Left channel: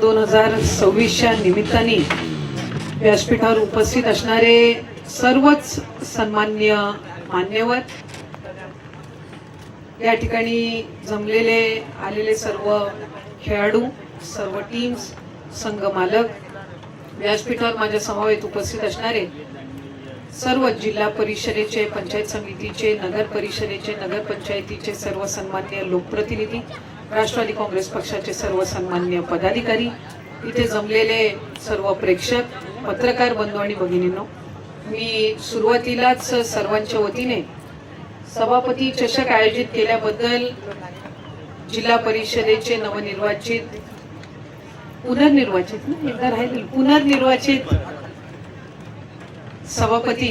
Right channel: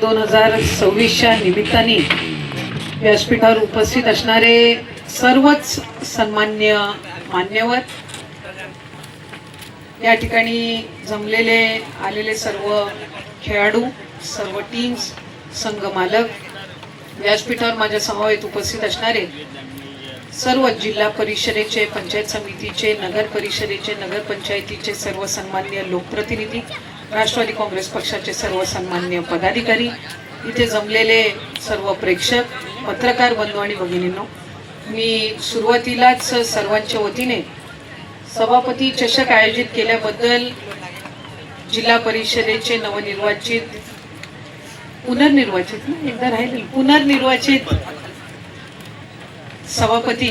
2026च्या निमित्ताने व्यासपीठावर उपस्थित असणारे सर्वच सन्मान्य मान्यवर, या ठिकाणी जमलेले आलेले सर्व खेळाडू, सर्व टीम्स, संघ मालक, व्यासपीठावर माझ्या समवेत उपस्थित असणारे सर्व जिल्हा परिषदेचे, पंचायत समितीचे, नगर परिषदेचे, नगर पंचायतीचे सर्व सन्मान्य लोकप्रतिनिधी, राष्ट्रवादी काँग्रेस पक्षाचे सर्व सन्मान्य पदाधिकारी, इथे जमलेले सर्व प्रेक्षक, पत्रकार बंधू आणि भगिनींनो, मी सुरुवातीलाच सर्वांच्या वतीने सभापती चषक आयोजित केल्याबद्दल जिल्हा परिषदेचे पुनर्निर्वाचित सभापती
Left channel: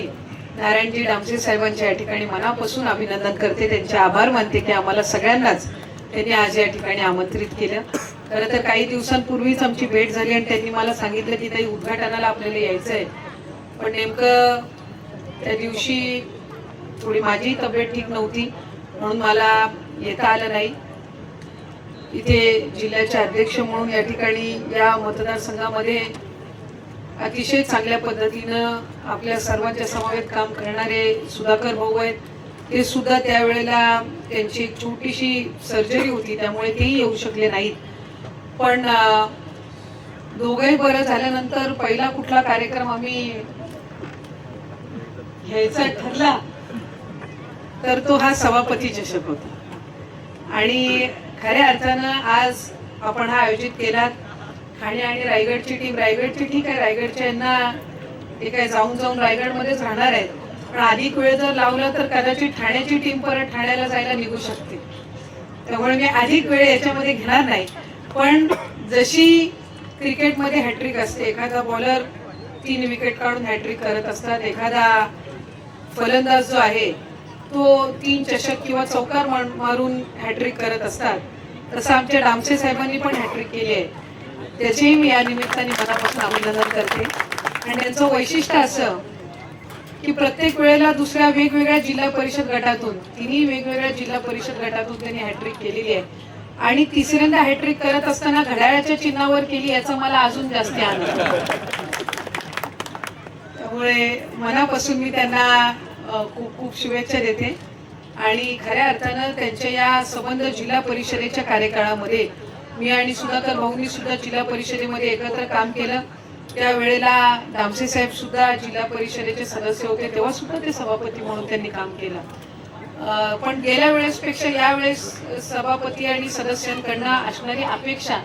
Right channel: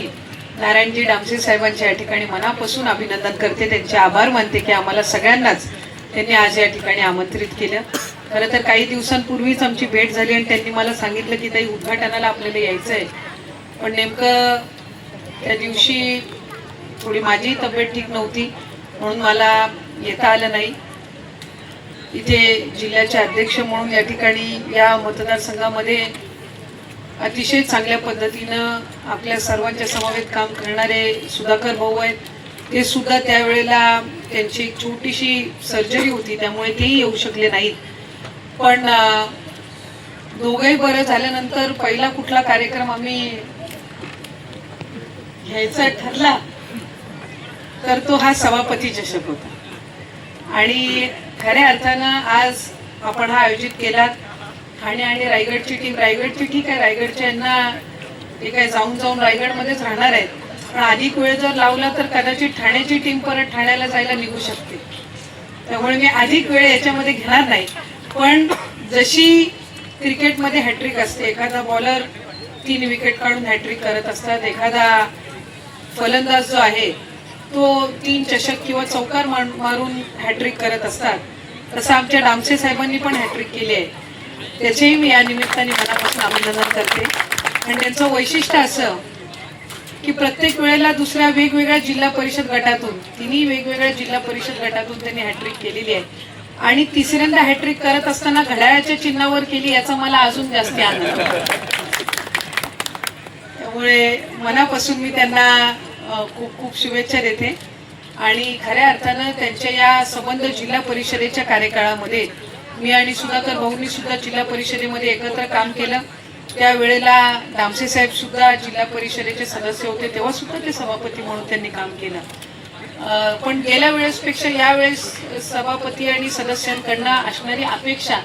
नारायणजी डामसे साहेबांच्या या ठिकाणी मनापासून अभिनंदन करते, त्यांचे आभार मानते की आम्हाला सगळ्यांनाच त्यांनी आज या ठिकाणी आमंत्रित केलं. खरं तर काही दिवसांपूर्वीच आमची भेट झाली आणि त्यांनी मला सांगितलं की ताई उद्घाटनाला आपल्याला यायचं आहे, पण नेमकं त्या दिवशी थोडी माझी तब्येत ठीक नव्हती म्हणून मला येता आलं नाही. इथे जिल्ह्याचे अध्यक्ष म्हणून या ठिकाणी या मतदारसंघामध्ये अतिशय चांगल्या पद्धतीनं आपल्या सर्वांच्या समवेत काम करणारे सुधाकर भाऊ आहेत. ते सुद्धा त्यावेळेला त्यांची एक छोटीशी सर्जरी होती, त्यामुळे तेही येऊ शकले नाहीत. पण दोघंही बरं झाल्यानंतर पहिला कुठला कार्यक्रम आम्ही घ्यायचा ठरला तर तो हा सभापती चषक होता. आणि खऱ्या अर्थानं आज आपण हा आयोजित केला. ठाणे आणि रायगडची टीम, रायगडची ठीक आहे, रायगडच्या यांना ते काय जाऊन रायगडमध्येच राहणार आहेत, पण अधिक वेळ जर लावला तर कदाचित ठाण्याची टीम परत ठाण्याला जायला निघू शकते. त्यामुळे मी अधिक वेळ याच्यामध्ये घेणार नाही. पण जशी क्रिकेटमध्ये हॅट्रिक असते, एखादा बॉलर 3 विकेट काढून हॅट्रिक करत असतात, एखादा फलंदाज जो आहे तो 3 चषक किंवा चौकार मारून हॅट्रिक करत असतात, तसं आमच्या डामसे साहेबांनी पण हॅट्रिक केली आहे. त्याचेही मी या निमित्ताने मनापासून अभिनंदन करते. आणि त्यांचं वैशिष्ट्य असं की प्रत्येक वेळेला दुसऱ्या वेगवेगळ्या जिल्हा परिषद गटातून, तिन्ही वेगवेगळ्या जिल्हा परिषद गटातून त्यांनी हॅट्रिक केलेली आहे. आणि तिसऱ्यांदा हॅट्रिक करत असताना घड्याळाच्या चिन्हावर केली, याचा मला अजून जास्त आनंद. त्यामुळे मनापासून मी त्यांना खूप खूप शुभेच्छा देते. आणि खऱ्या अर्थानं त्यांच्या या संबंध जिल्हा परिषदेच्या कार्यकाळामध्ये मी आणि सुधाकर भाऊंनी सुद्धा जिल्हा परिषदेमध्ये एकत्र काम केलं. त्यावेळेला डामसे साहेब सुद्धा जिल्हा परिषदेचे सदस्य होते, तेव्हा सुद्धा ते सभापती म्हणून त्यांनी काम केलं. पण गेल्या वेळेसपेक्षा यावेळेस सभापती आणि सदस्यांकडनं असणारी अपेक्षा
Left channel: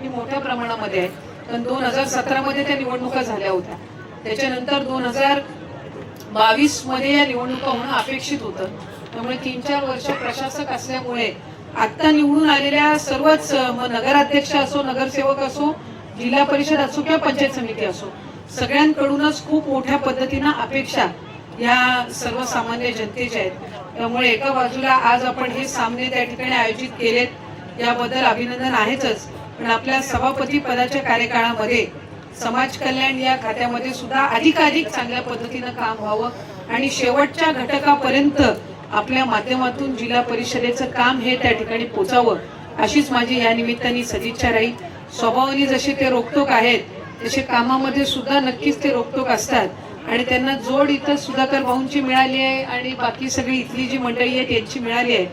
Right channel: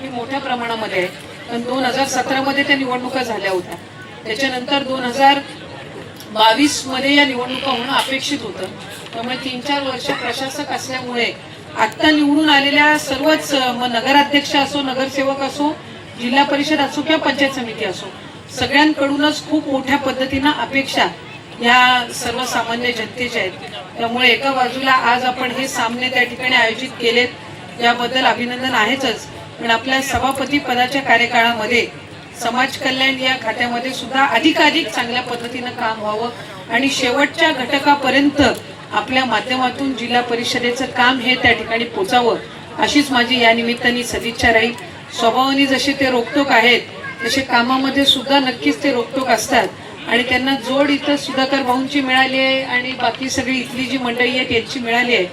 ही मोठ्या प्रमाणामध्ये आहे. पण 2017मध्ये त्या निवडणुका झाल्या होत्या, त्याच्यानंतर 2022 मध्ये या निवडणुका होणं अपेक्षित होतं. त्यामुळे 3-4 वर्ष प्रशासक असल्यामुळे आता निवडून आलेल्या सर्वच नगराध्यक्ष असो, नगरसेवक असो, जिल्हा परिषद असो किंवा पंचायत समिती असो, सगळ्यांकडूनच खूप मोठ्या पद्धतीनं अपेक्षा या सर्वसामान्य जनतेच्या आहेत. त्यामुळे एका बाजूला आज आपण हे सामने त्या ठिकाणी आयोजित केलेत, याबद्दल अभिनंदन आहेच. पण आपल्या सभापती पदाच्या कार्यकाळामध्ये समाज कल्याण या खात्यामध्ये सुद्धा अधिकाधिक चांगल्या पद्धतीनं काम व्हावं आणि शेवटच्या घटकापर्यंत आपल्या माध्यमातून जिल्हा परिषदेचं काम हे त्या ठिकाणी पोचावं, अशीच माझी या निमित्ताने सदिच्छा राहील. स्वभावाने जसे ते रोकटोक आहेत, तसे कामामध्ये सुद्धा नक्कीच ते रोकटोक असतात. आणि त्यांना जोड इथं सुधाकर भाऊंची मिळाली आहे आणि बाकी सगळी इथली जी मंडळी आहे त्यांची मिळाली आहे.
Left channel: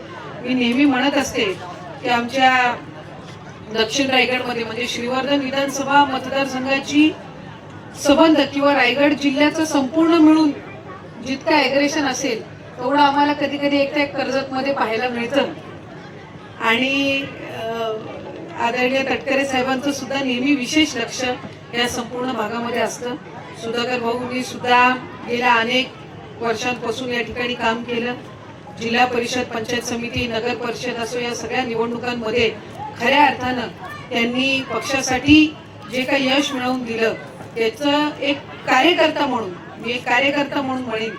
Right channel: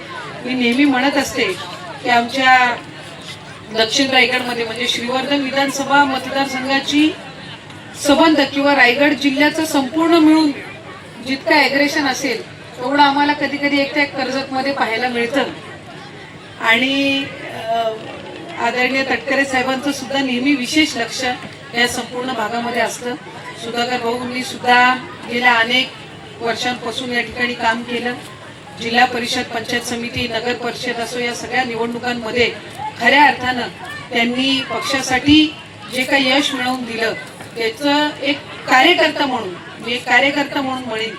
मी नेहमी म्हणत असते की आमच्या दक्षिण रायगडमध्ये म्हणजे श्रीवर्धन विधानसभा मतदारसंघाची संबंध किंवा रायगड जिल्ह्याचं संपूर्ण मिळून जितकं ॲग्रेशन असेल तेवढं आम्हाला कधी कधी एक कर्जतमध्ये पाहायला मिळतं. आणि आदरणीय तटकरे साहेबांचं सुद्धा नेहमी विशेष लक्ष या संपूर्ण भागामध्ये असतं. सुधाकर भाऊंनी सुद्धा गेल्या अनेक वर्षांपासून या ठिकाणी काम केलं. जिल्हा परिषद, पंचायत समिती, नगर परिषद असो, या सगळ्या निवडणुकांमध्ये खऱ्या अर्थानं त्यांनी पक्षासाठी जे काही यश मिळवून दिलं त्याचं एक कार्यकर्ता म्हणून म्हणेन,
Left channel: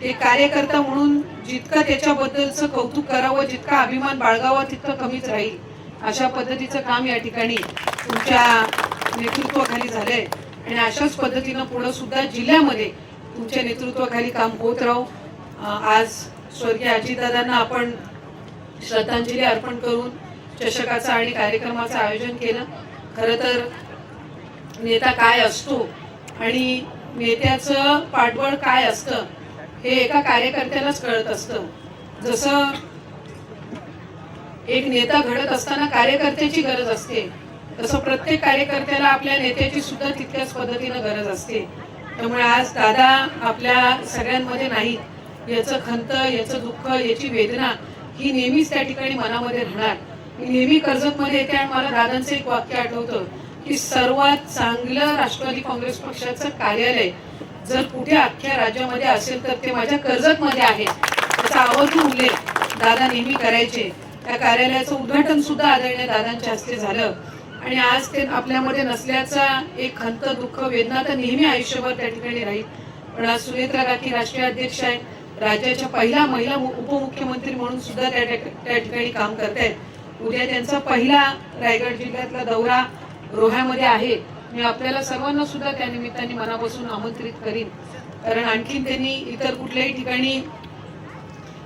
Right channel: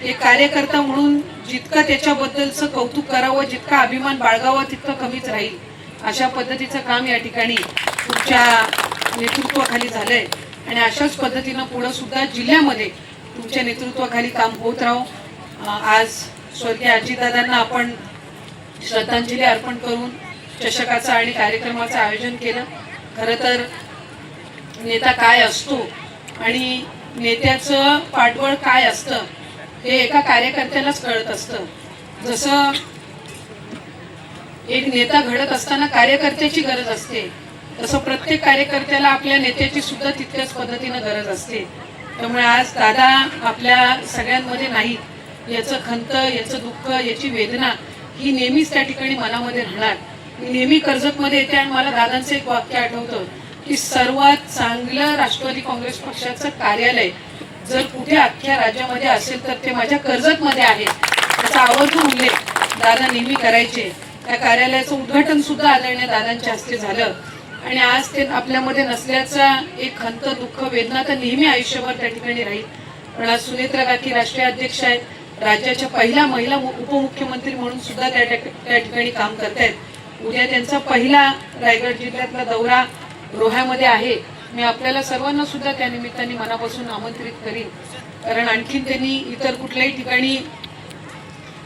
ते कार्यकर्ता म्हणून जितकं त्याच्याबद्दलचं कौतुक करावं, जितका अभिमान बाळगावा तितकं कमीच राहील. अशा पद्धतीचं काम या ठिकाणी तुमच्या नेतृत्वाखाली झालंय आणि अशाच पद्धतीनं पुढे सुद्धा जिल्ह्यामध्ये तुमच्या नेतृत्वाखाली काम होत राहो. आज स्वर्गीय अजितदादांना आपण श्रद्धांजली अर्पण करून चषकाचं आणि कार्यक्रमाचं आयोजन केलं. खरं तर नेता काय असतो आणि नेत्याचं पाठबळ काय असतं हे एका कार्यकर्त्यालाच कळत असतं. जसं एक नेता घडत असताना कार्यकर्त्याची गरज असते, तसं प्रत्येक कार्यकर्त्याला आपल्या नेत्याची सुद्धा तितक्याच पद्धतीनं गरज असते. त्यामुळे आज दादा आपल्या सगळ्यांमध्ये नाही, याचं खंत, याचं दुःख, याची वेदना ही नेहमीच त्या ठिकाणी मनामध्ये राहणार. मी नेहमी कर्जतमध्ये येते आणि मला दादांचं एक वाक्य आठवतं की सर्वात चांगलं राष्ट्रवादी काँग्रेस पक्षाचं कार्यालय जर कुठे अख्ख्या राज्यामध्ये असेल तर ते माझ्या कर्जतमध्ये आहे. त्याचा आवर्जून उल्लेख दादा नेहमी करायचे. त्या कार्यालयाचं उद्घाटन सुद्धा आदरणीय दादांच्या हस्ते झालं आणि आज ते आपल्यामध्ये नसल्याचा एक खंत, दुःख, वेदना तर नेहमी आयुष्यभर त्या ठिकाणी राहील. पण आज सुनेत्रा गाठी राष्ट्रीय अध्यक्ष आहेत, राज्याच्या पहिल्या महिला उपमुख्यमंत्री म्हणून सुद्धा त्या ठिकाणी काम करतायत. उद्या त्यांचा पहिला रायगड जिल्ह्यातला दौरा रोह्यामध्ये आहे. मी आपल्याला सर्वांना सुद्धा त्या निमित्ताने मनापासून आमंत्रित करीन, कारण आणखीन त्यांनी इतर कुठल्याही ठिकाणी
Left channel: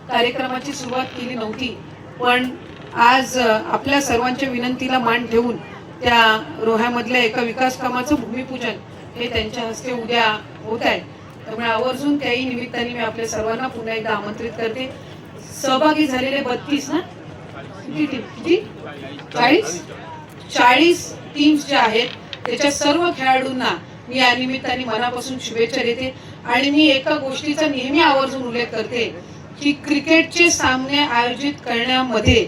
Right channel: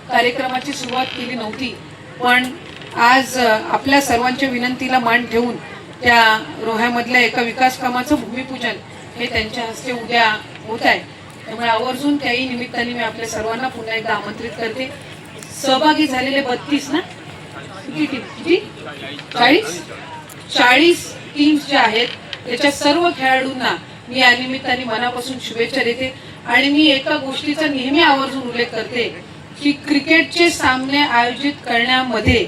कार्यक्रमाची सुरुवात केली नव्हती. पण आज आपल्या सर्वांच्या विनंतीला मान ठेवून त्या रोह्यामधल्या एका विकास कामाचं भूमिपूजन हे त्यांच्या हस्ते उद्या होत आहे. त्यामुळे आवर्जून त्याही निमित्ताने मी आपल्या सर्वांना पुन्हा एकदा आमंत्रित करते. सहभागी झालेले 32 ना किती 40 टीम्स ज्या आहेत त्याच्या सर्व खेळाडूंना मी या निमित्ताने मनापासून शुभेच्छा देते. आणि मी एका गोष्टीचा नेहमी आवर्जून उल्लेख करते की क्रिकेटचे सामने आयोजित करण्यामध्ये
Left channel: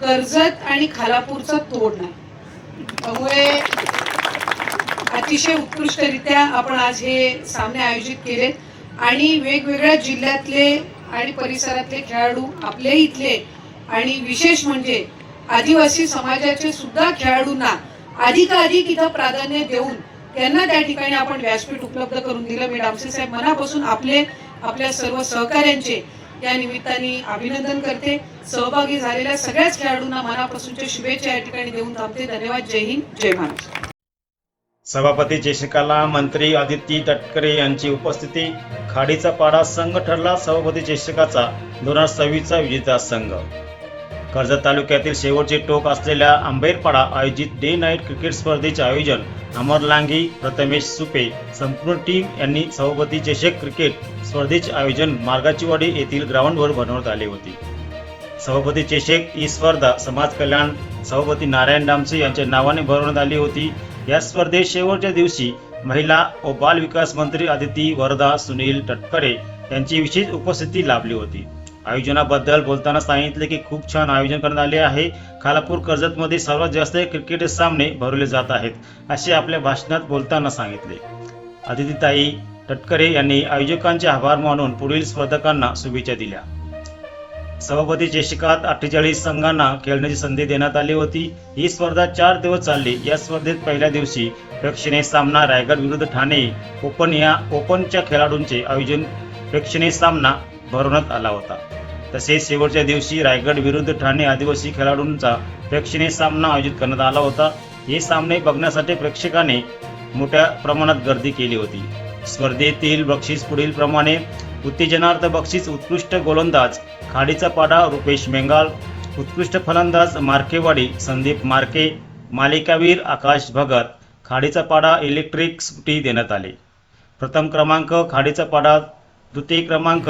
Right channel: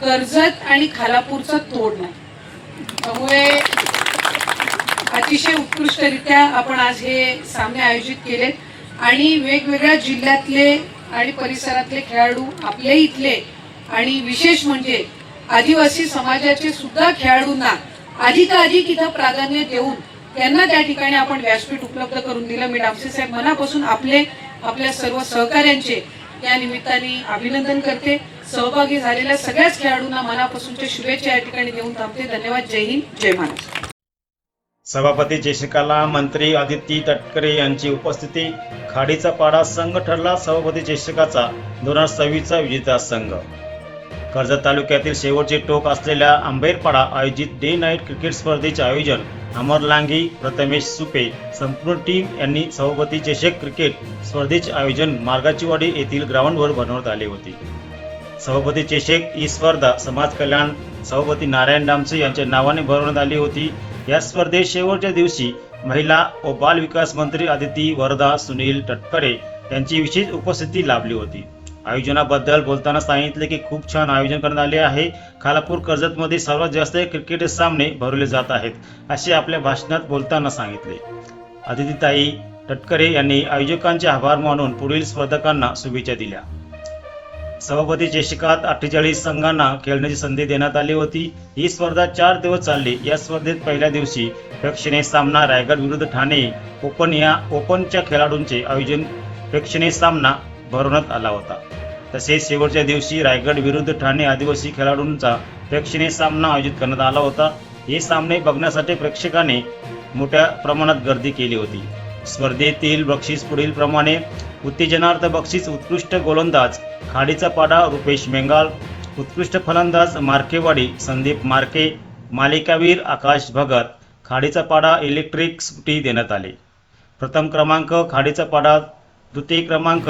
कर्जत आणि खालापूरचा तोड नाही. त्यामुळे अतिशय उत्कृष्टरित्या आपण आज हे सामने आयोजित केले आणि वेगवेगळ्या जिल्ह्यातले आणि परिसरातले खेळाडू आपले इथले आणि विशेष म्हणजे आदिवासी समाजाचे सुद्धा खेळाडूंना अधिकाधिक इथं प्राधान्य देऊन त्यांना त्या ठिकाणी आपण व्यासपीठ उपलब्ध करून दिलं. मी डामसे साहेब मनापासून आपल्या सर्व सहकाऱ्यांचे या निमित्ताने अभिनंदन करते. सहभागी झालेल्या सगळ्याच खेळाडूंना मनापासूनच्या शुभेच्छा या ठिकाणी देऊन थांबते. धन्यवाद. जय हिंद, जय महाराष्ट्र. सभापती चषकाला मंत्री आदिती तटकरे यांची उपस्थिती. खाडीचा पाडा संघ ठरला सभापती चषकाचा 2026चा विजेता संघ. कर्जत तालुक्यातील शेवटचे टोक असलेल्या आंबेरपाडा आयोजित डे नाईट क्रिकेट स्पर्धेचे आयोजन अमर लांगी, प्रथमेश सुपे संपूर्ण टीम यांनी सभापती चषक क्रिकेट स्पर्धेचे आयोजन मार्गाचीवाडी येथील ग्राउंडवर बनवण्यात आले होते. सभापती चषक ही स्पर्धा समाज कल्याण सभापती नारायण डामसे यांच्या नावाने भरवण्यात आली होती. या स्पर्धेत शेवटच्या दिवसी महिला व बाल विकास मंत्री आदिती वरदा सुनील तटकरे यांची विशेष उपस्थिती लाभली होती. आयोजनाबद्दल बोलताना सांगितले की खूप छान आयोजन करण्यात आले आहे. खालापूर कर्जतमध्ये सर्वात जास्त क्रिकेट सामने भरवले जात आहेत असे आपल्या भाषणात बोलताना सांगितले. आदितीताई तटकरे यांनी आयोजकांचे आभार मानून पुढील स्पर्धकांना शुभेच्छा दिल्या. सभापती चषकात 48 संघांना खेळण्याची संधी देण्यात आली होती. ही स्पर्धा 4 दिवस चालली. या स्पर्धेत पहिल्या दिवशी प्रेक्षणीय सामना रायगड विरुद्ध ठाणे ओपनच्या खेळाडूंचे आयोजन प्रेक्षणीय सामना भरवण्यात आला होता. तसेच शेवटच्या दिवशी रायगड विरुद्ध ठाणे आदिवासी खेळाडूंचा प्रेक्षणीय सामना आयोजित करण्यात आला होता. हे सामने बघण्यासाठी प्रेक्षकांनी मोठ्या प्रमाणात गर्दी केली होती. स्पर्धेतील बक्षीस पुढील प्रमाणे: उत्तेजनार्थ बक्षीस उत्कृष्ट गोलंदाज खाडीचा पाडा रुपेश मेंगाल, उत्कृष्ट फलंदाज मार्केवाडी संदीप मार्के, मालिकावीर आकाश भगत, खाडीचा पाडा इलेक्ट्रिक स्कूटी देण्यात आले. प्रथम क्रमांक खाडीचा पाडा, द्वितीय क्रमांक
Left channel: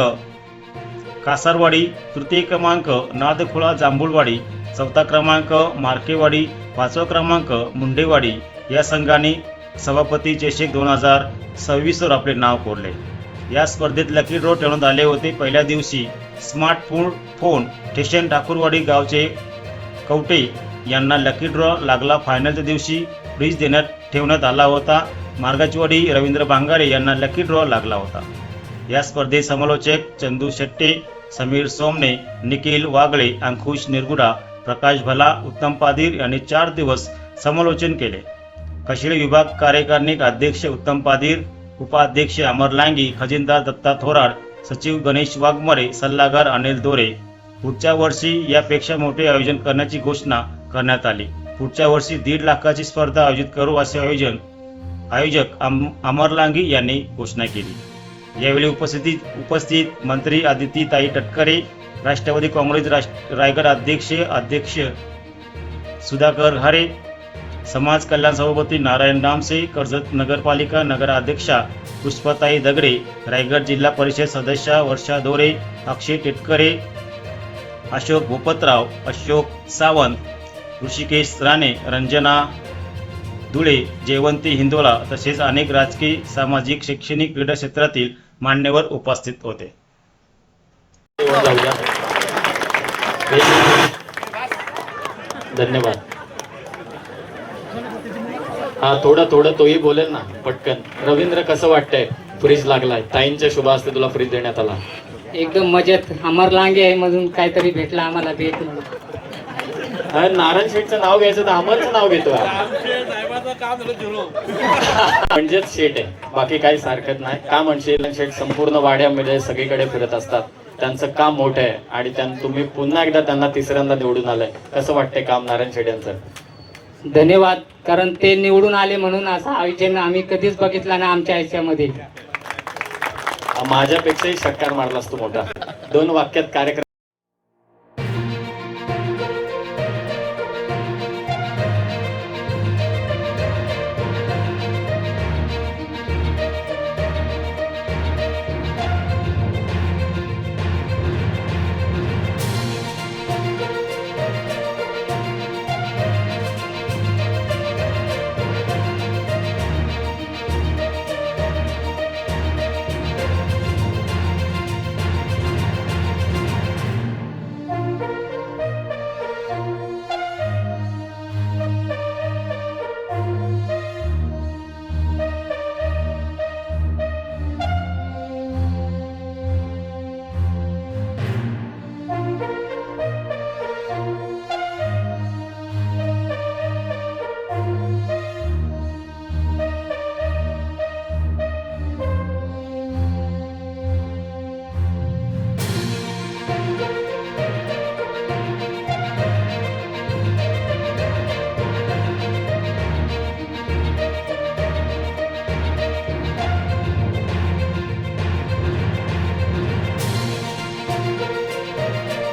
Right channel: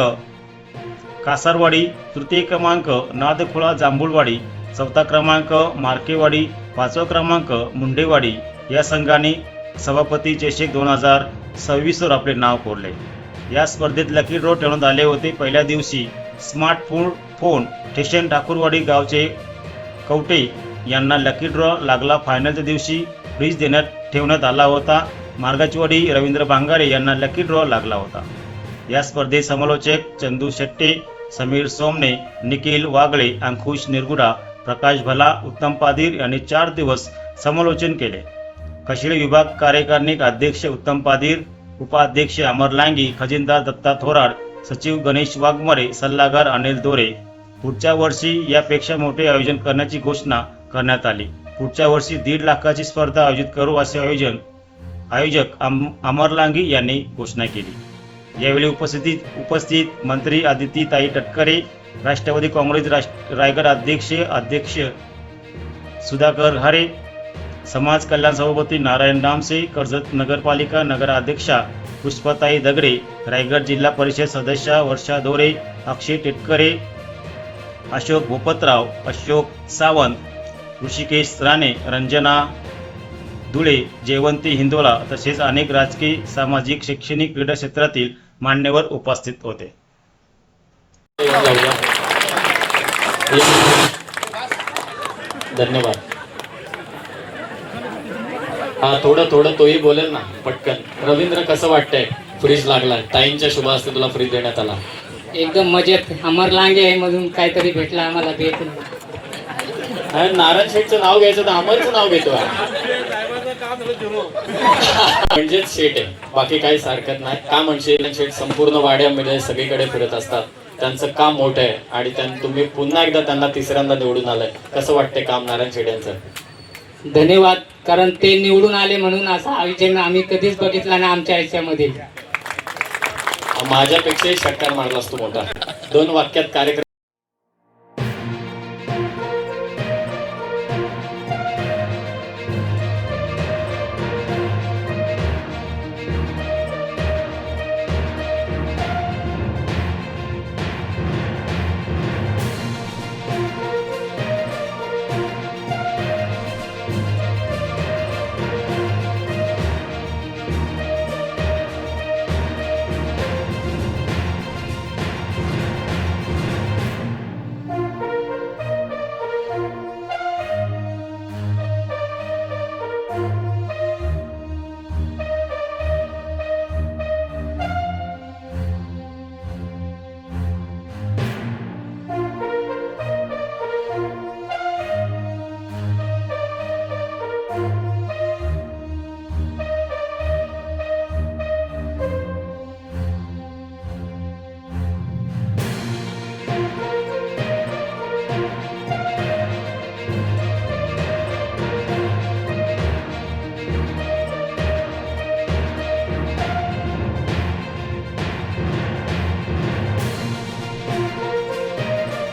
कासारवाडी, तृतीय क्रमांक नादखोळा जांभूळवाडी, चौथा क्रमांक मार्केवाडी, पाचवा क्रमांक मुंडेवाडी या संघांनी सभापती चषक 2026 वर आपले नाव कोरले. या स्पर्धेत लकी ड्रॉ ठेवण्यात आले होते. पहिल्या दिवशी स्मार्टफोन स्टेशन ठाकूरवाडी गावचे कवटे यांना लकी ड्रॉ लागला. फायनलच्या दिवशी फ्रीज ठेवण्यात आला होता. मार्गाचीवाडी रवींद्र भांगारे यांना लकी ड्रॉ लागला होता. या स्पर्धेत समालोचक चंदू शेट्टे, समीर सोमने, निखिल वागळे, अंकुश निरगुडा, प्रकाश भला, उत्तम पादीर यांनी 4 दिवस समालोचन केले. कशिळे विभाग कार्यकारिणी अध्यक्ष उत्तम पादीर, उपाध्यक्ष अमर लांगी, खजिनदार दत्ता थोराड, सचिव गणेश वाघमारे, सल्लागार अनिल दोरे. पुढच्या वर्षी यापेक्षा मोठे आयोजन करण्याची घोषणा करण्यात आली. पुढच्या वर्षी 1.5 लाखाची स्पर्धा आयोजित करू असे आयोजक अमर लांगी यांनी घोषणा केली. यावेळी उपस्थित मंत्री आदितीताई तटकरे, राष्ट्रवादी काँग्रेस रायगड अध्यक्ष सुधाकर घारे, समाज कल्याण सभापती नारायण डामसे, कर्जत नगरपालिका नगराध्यक्षा पुष्पाताई दगडे, रायगड जिल्हा परिषद सदस्या वर्षा दोरे, अक्षय टिटकरे, अशोक भूपतराव, अशोक सावंत, ऋषिकेश राणे, रंजना धुळे, जयवंती हिंदोला तसेच अनेक राजकीय, सामाजिक, शैक्षणिक, क्रीडा क्षेत्रातील मान्यवर उपस्थित होते. धन्यवाद. हा थोडं तोही बोलेल ना पटकन. रवींद्र, कसं वाटतंय? फ्रीज लागला, ताईंच्या शुभ हस्ते तुला फ्रीज देण्यात आला. एकदम मजेत. अमर लांगे मधून काहीतरी भेटला आम्हाला देत. अरे नारायण शेठचं नाव घ्यायचं तर अमरचं नाव घेतो. म्हणजेच शेठ आहे, बाकी काही हरकत नाही. का म्हणजे शेठ संपूर्ण वाड्यामध्ये सगळीकडे फिरत असतात. त्यांचं काम मोठं आहे आणि तुम्ही पुन्हा एकदा त्यांना तिसऱ्यांदा निवडून आलंय. कसं वाटतंय काम नारायण शेठ यांचं? धन्यवाद. कारण ते निवडून आले म्हणून असा आयोजन आम्ही कधीच बघितला नाही आमच्या आयुष्यामध्ये. माझ्यापेक्षाही षटकार मारलास तू मोठा. 2 वाक्यात कार्यक्रम